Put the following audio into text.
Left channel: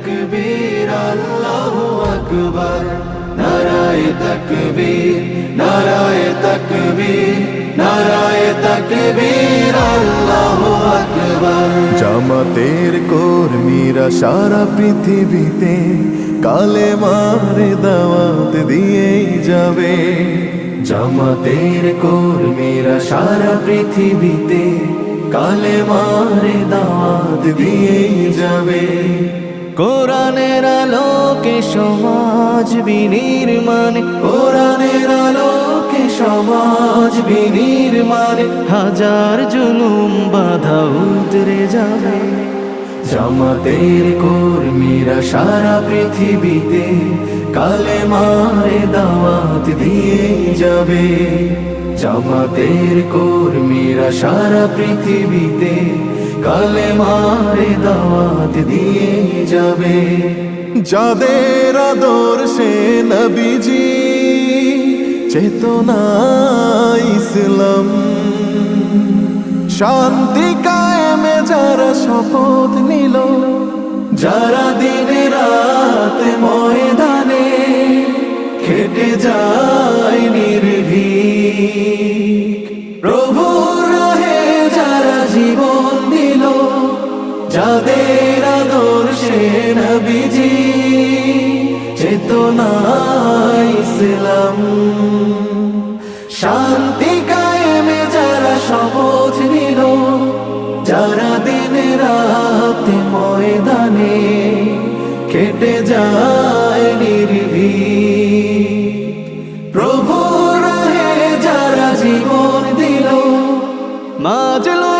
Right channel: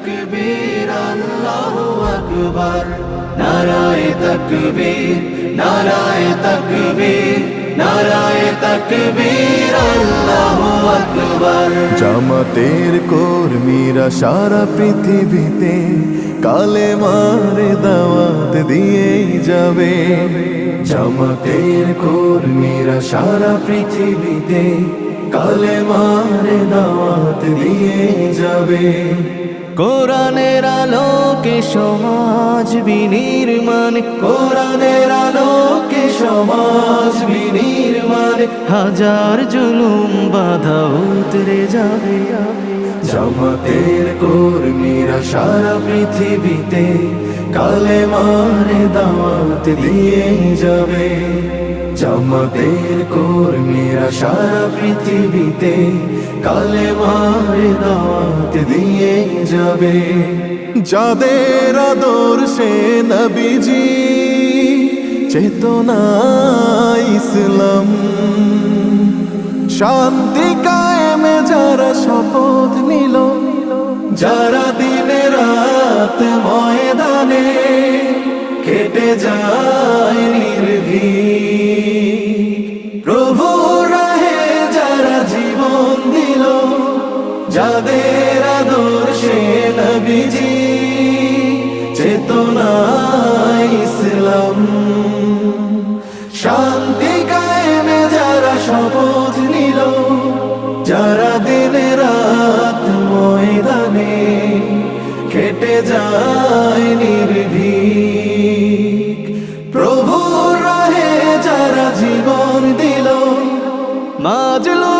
তাকবীর আল্লাহু আকবার নারায়ে তাকবীর নারায়ে তাকবীর নারায়ে তাকবীর আল্লাহু আকবার। জামাতের কর্মীরা সারা পৃথিবীতে কালেমার দাওয়াত দিয়েই যাবে। জামাতের কর্মীরা সারা পৃথিবীতে কালেমার দাওয়াত দিয়েই যাবে। কোরআনের আলোকে সমাজ বিনির্মাণ, কোরআনের আলোকে সমাজ বিনির্মাণ, হাজার জুলুম বাধা উতরে যাবে। জামাতের কর্মীরা সারা পৃথিবীতে কালেমার দাওয়াত দিয়েই যাবে। জামাতের কর্মীরা সারা পৃথিবীতে কালেমার দাওয়াত দিয়ে যাবে। যাদের আদর্শে নবীজি চেতনা ইসলাম, শান্তি কায়েমে যারা শপথ নিল, যারা দিনে রাত ময়দানে খেটে যায় নির্ভীক, প্রভুর রাহে যারা জীবন দিল, যাদের আদর্শে নবীজি চেতনা ইসলাম, শান্তি কায়েমে যারা শপথ নিল, যারা দিনে রাত ময়দানে খেটে যায় নির্ভীক, প্রভুর রাহে যারা জীবন দিল, মাজলুম